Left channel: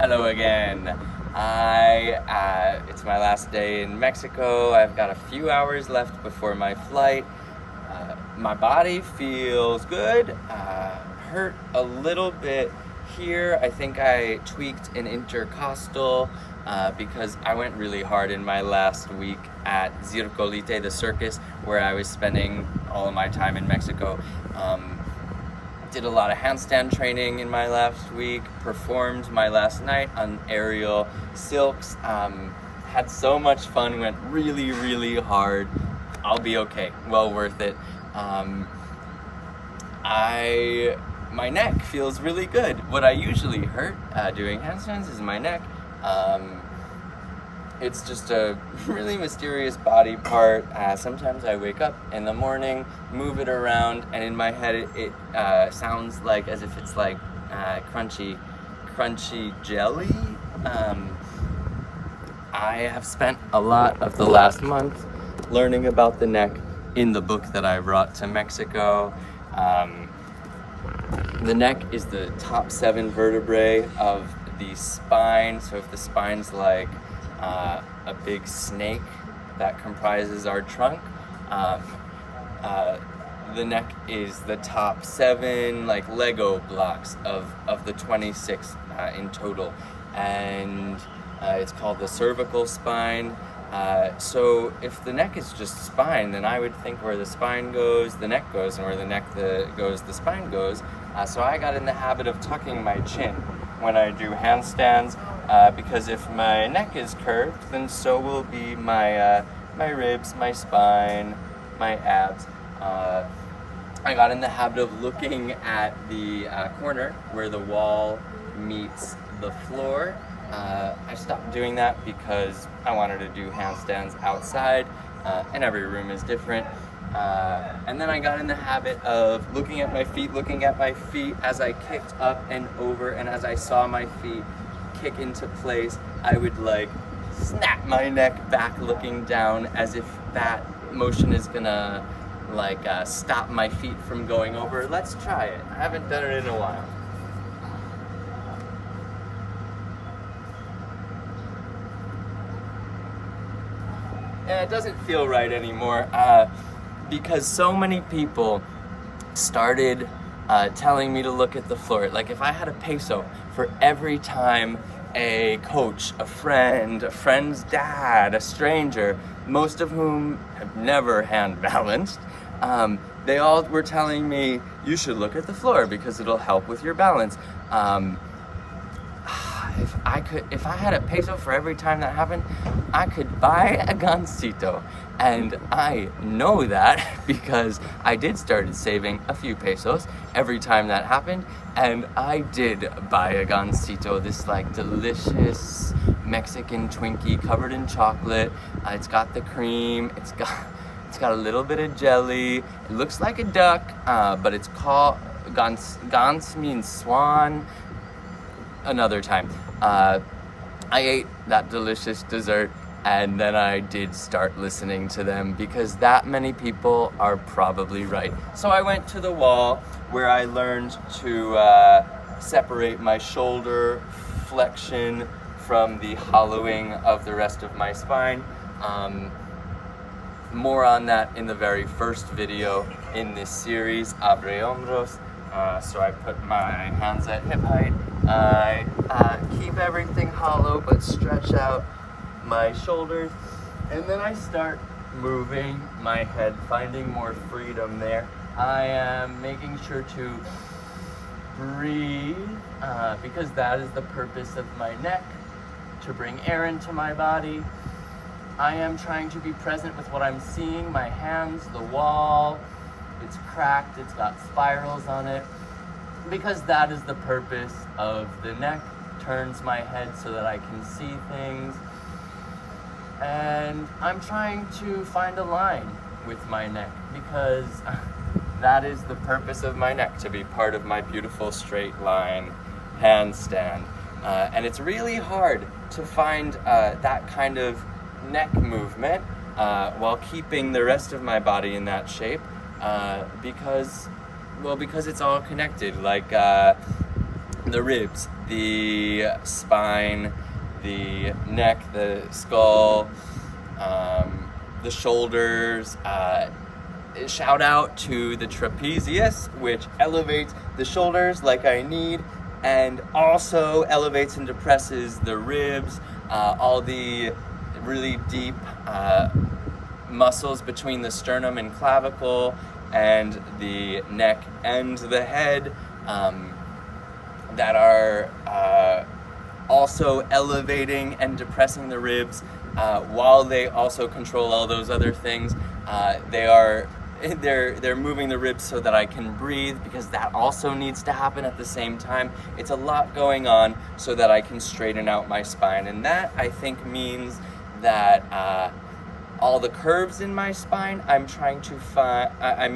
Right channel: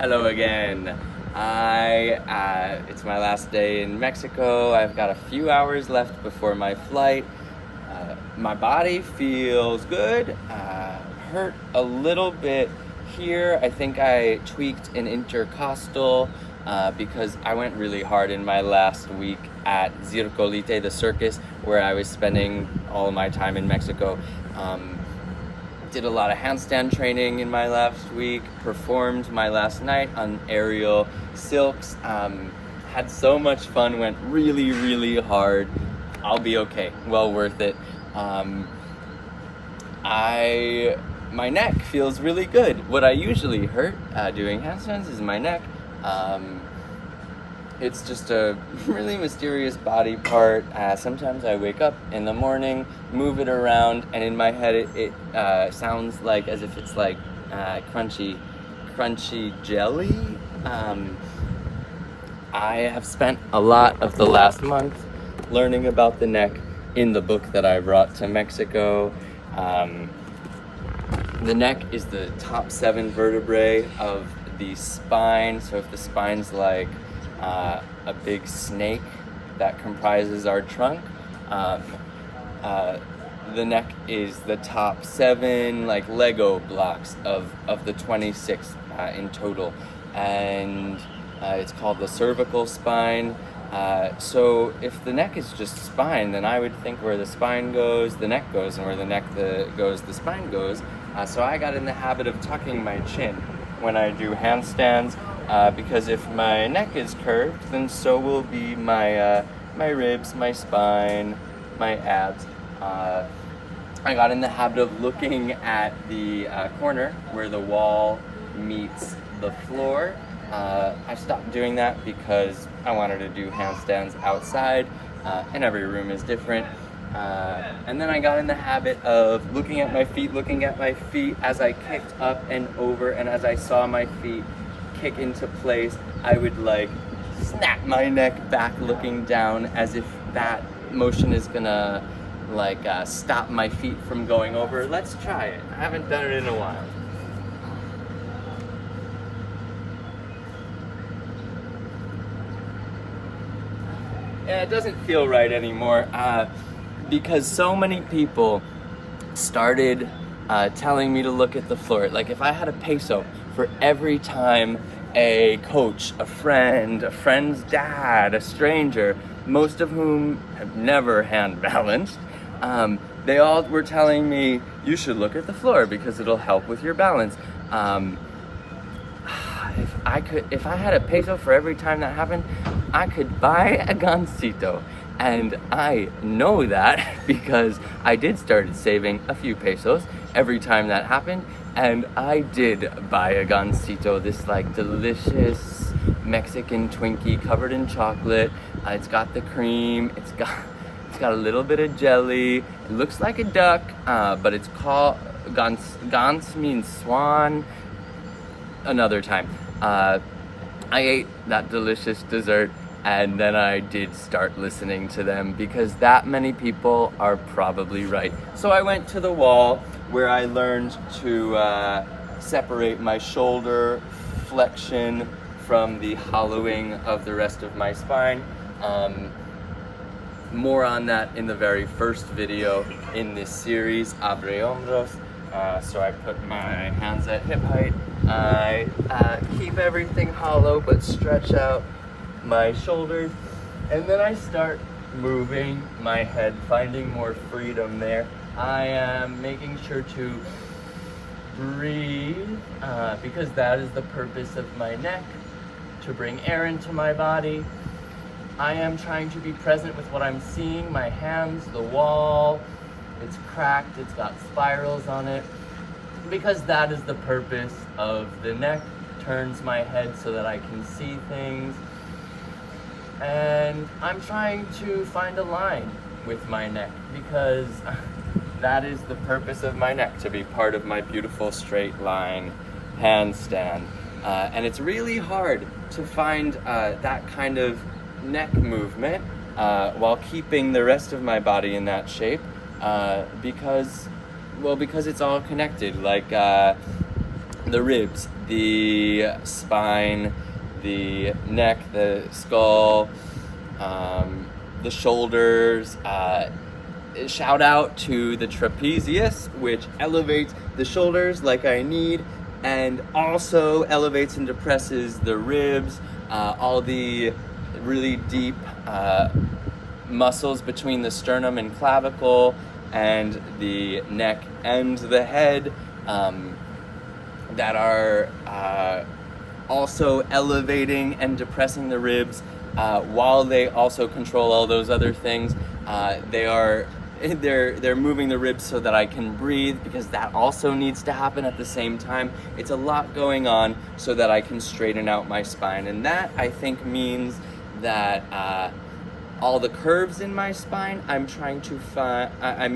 Hello again. It's my last day in Mexico. I've got a few hours left before my flight. My body feels good. Hurt a little bit here. I think I tweaked an intercostal because I went really hard in my last week at Circolite, the circus, where I was spending all my time in Mexico. Did a lot of handstand training in my last week, performed my last night on aerial silks, had so much fun, went really, really hard. I'll be okay, well worth it. My neck feels really good. What I usually hurt doing handstands is my neck. It's just a really mysterious body part. Sometimes I wake up in the morning, move it around, and in my head it sounds like as if it's like crunchy jelly. I have spent a lot of the last month learning about the neck in the book that I brought to Mexico. The neck is the top 7 vertebrae of the spine. So if the spine's like a big snake that comprises our trunk, the neck is the top 7 like Lego blocks of the 26 in total, and it's called the cervical spine. So if the neck is just spine, then I would think where the spine goes, the neck goes, and where the neck goes, the spine goes. So I got in the habit of tucking my chin when I do handstands, because if my neck is curved, then so will be my ribs, my spine, my abs. I got in the habit of looking at the corner where the wall meets the floor. I stopped doing that because I wanted to do handstands outside, and every room is different. And then I got in the habit of looking at my feet as I kicked up and over, and as I saw my feet kick into place, I would like snap my neck back looking down as if that motion is gonna like stop my feet from going over. Let's try it. I haven't done it in a while. Yeah, it doesn't feel right anymore because so many people started telling me to look at the floor. Like if I had a peso for every time a coach, a friend's dad, a stranger, most of whom have never hand balanced, they all were telling me you should look at the floor because it'll help with your balance. If I had a peso for every time that happened, I could buy a gansito. And I know that because I did start saving a few pesos every time that happened, and I did buy a gansito, this like delicious Mexican Twinkie covered in chocolate. It's got the cream, it's got a little bit of jelly. It looks like a duck, but it's called gans means swan. Another time. I ate that delicious dessert, and then I did start listening to them because that many people are probably right. So I went to the wall where I learned to separate my shoulder flexion from the hollowing of the rest of my spine. More on that in the very first video in this series, Abre Hombros. So I put my hands at hip height. I keep everything hollow but stretch out my shoulders, and then I start moving my head, finding more freedom there. I am making sure to breathe because that is the purpose of my neck, to bring air into my body. I am trying to be present with what I'm seeing, my hands, the wall. It's cracked, it's got spirals on it, because that is the purpose of the neck. Turns my head so that I can see things. And I'm trying to find a line with my neck because that is the purpose of my neck, to be part of my beautiful straight line handstand. And it's really hard to find that kind of neck movement while keeping the rest of my body in that shape because it's all connected. Like the ribs, the spine, the neck, the skull, the shoulders. Shout out to the trapezius, which elevates the shoulders like I need, and also elevates and depresses the ribs, all the really deep muscles between the sternum and clavicle, and the neck and the head, that are also elevating and depressing the ribs, while they also control all those other things. They're moving the ribs so that I can breathe, because that also needs to happen at the same time. It's a lot going on so that I can straighten out my spine, and that, I think, means that all the curves in my spine, I'm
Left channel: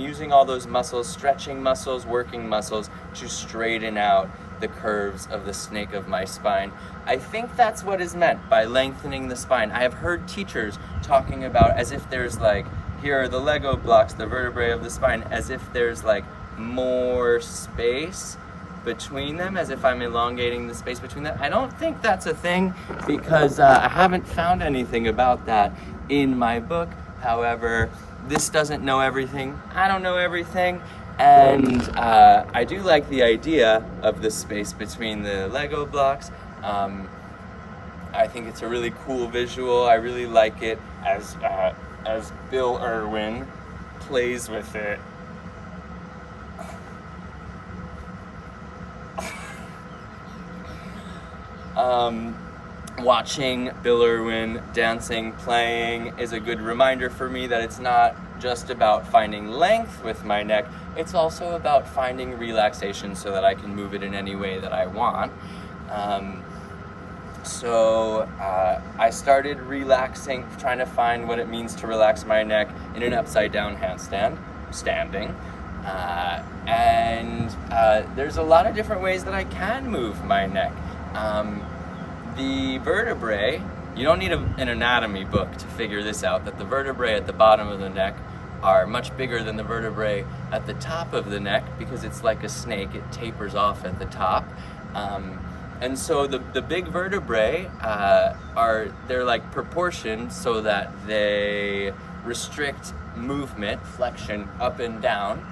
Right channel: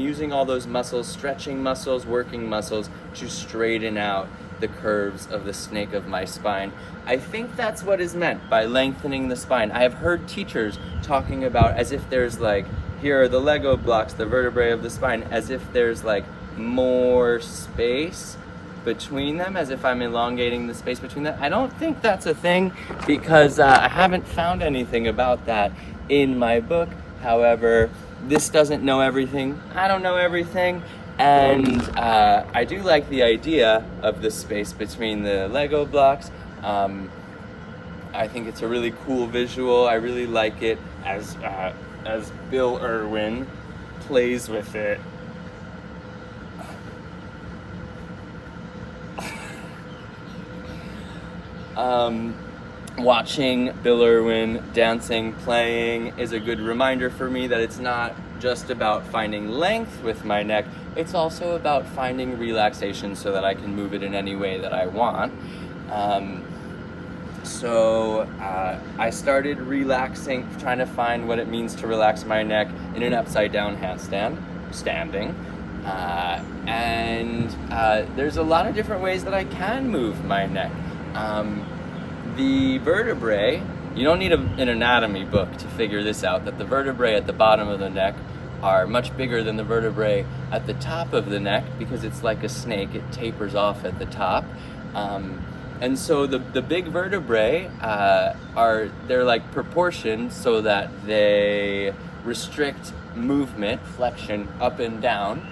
using all those muscles, stretching muscles, working muscles, to straighten out the curves of the snake of my spine. I think that's what is meant by lengthening the spine. I have heard teachers talking about as if there's like, here are the Lego blocks, the vertebrae of the spine, as if there's like more space between them, as if I'm elongating the space between them. I don't think that's a thing, because I haven't found anything about that in my book. However, this doesn't know everything. I don't know everything. And I do like the idea of the space between the Lego blocks. I think it's a really cool visual. I really like it as Bill Irwin plays with it. Watching Bill Irwin dancing, playing, is a good reminder for me that it's not just about finding length with my neck, it's also about finding relaxation so that I can move it in any way that I want. So I started relaxing, trying to find what it means to relax my neck in an upside down handstand, standing. And there's a lot of different ways that I can move my neck. The vertebrae, you don't need an anatomy book to figure this out, that the vertebrae at the bottom of the neck are much bigger than the vertebrae at the top of the neck, because it's like a snake, it tapers off at the top. And so the big vertebrae they're like proportioned so that they restrict movement, flexion up and down.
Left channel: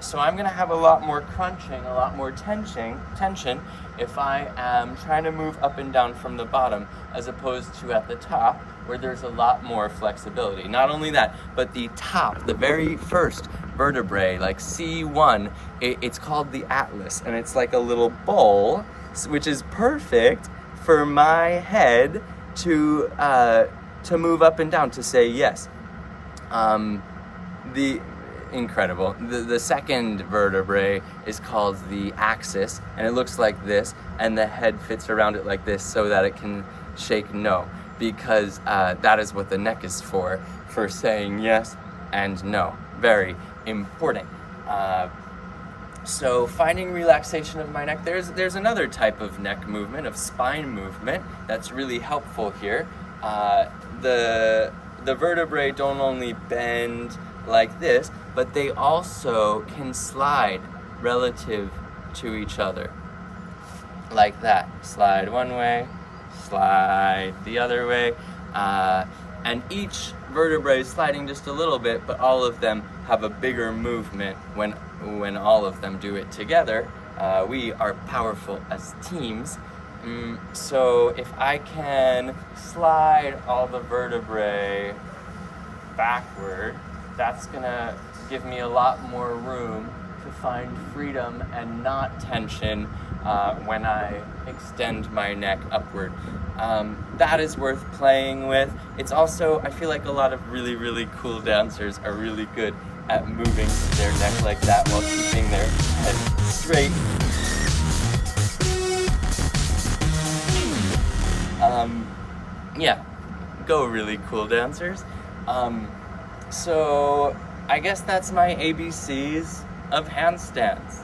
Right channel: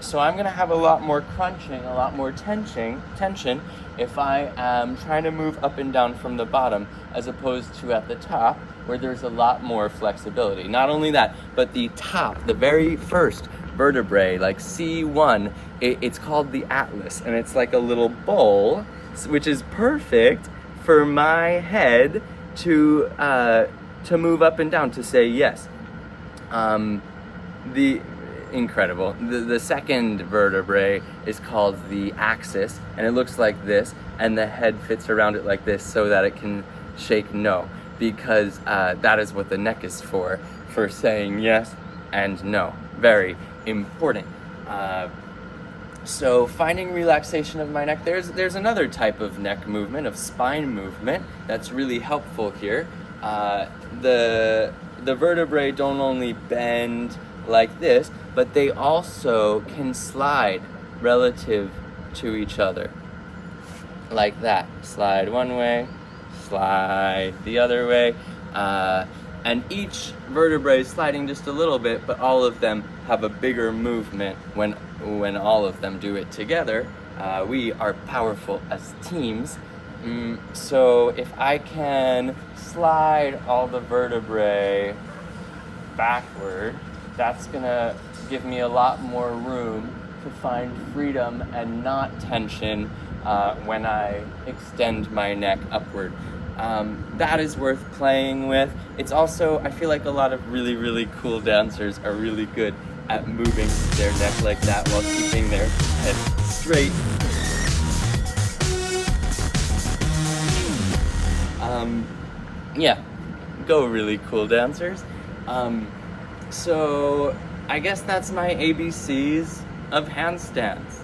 So I'm gonna have a lot more crunching, a lot more tension if I am trying to move up and down from the bottom, as opposed to at the top, where there's a lot more flexibility. Not only that, but the top, the very first vertebrae, like C1, it's called the atlas, and it's like a little bowl, which is perfect for my head to move up and down, to say yes. Incredible. The second vertebrae is called the axis, and it looks like this, and the head fits around it like this so that it can shake no, because that is what the neck is for saying yes and no. Very important. So finding relaxation of my neck, there's another type of neck movement, of spine movement, that's really helpful here. The vertebrae don't only bend like this, but they also can slide relative to each other. Like that. Slide one way, slide the other way. And each vertebrae is sliding just a little bit, but all of them have a bigger movement when all of them do it together. We are powerful as teams. So if I can slide all the vertebrae backward, that's gonna give me a lot more room to find freedom and not tension when I extend my neck upward. That is worth playing with. It's also, I feel like a lot of really, really cool dancers are really good at moving their neck like that while keeping their head straight. Yeah, go really cool dancers. So I guess that's my ABCs of handstands.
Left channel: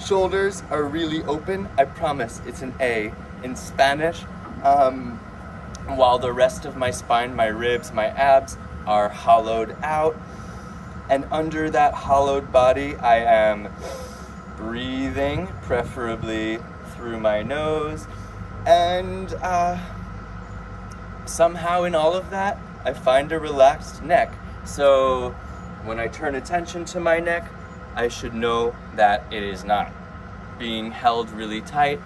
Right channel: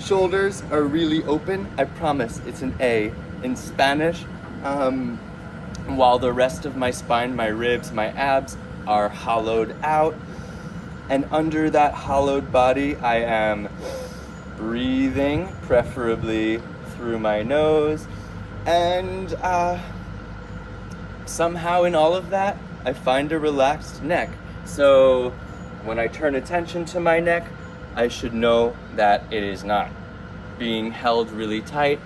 Shoulders are really open. I promise it's an A in Spanish. While the rest of my spine, my ribs, my abs are hollowed out. And under that hollowed body, I am breathing, preferably through my nose, and somehow in all of that, I find a relaxed neck. So when I turn attention to my neck, I should know that it is not being held really tight,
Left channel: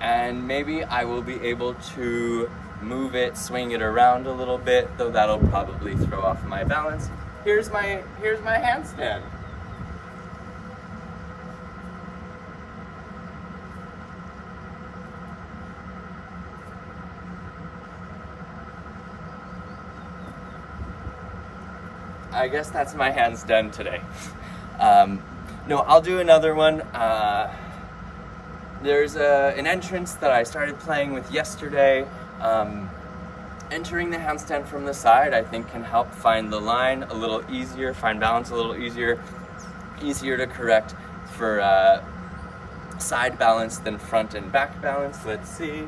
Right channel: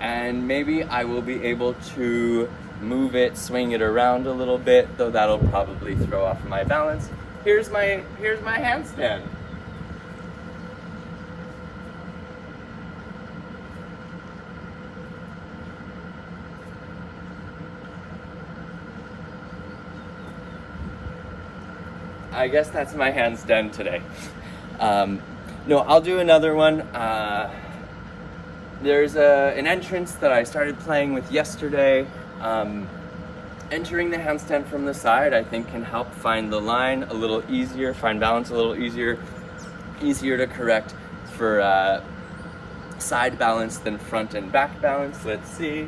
and maybe I will be able to move it, swing it around a little bit, though that'll probably throw off my balance. Here's my handstand. I guess that's my handstand today. No, I'll do another one. There's an entrance that I started playing with yesterday. Entering the handstand from the side, I think, can help find the line a little easier, find balance a little easier to correct for side balance than front and back balance. Let's see.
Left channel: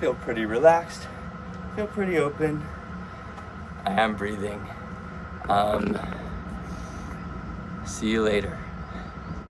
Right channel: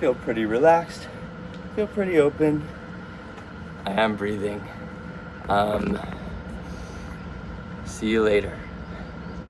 Feel pretty relaxed, feel pretty open. I am breathing. See you later.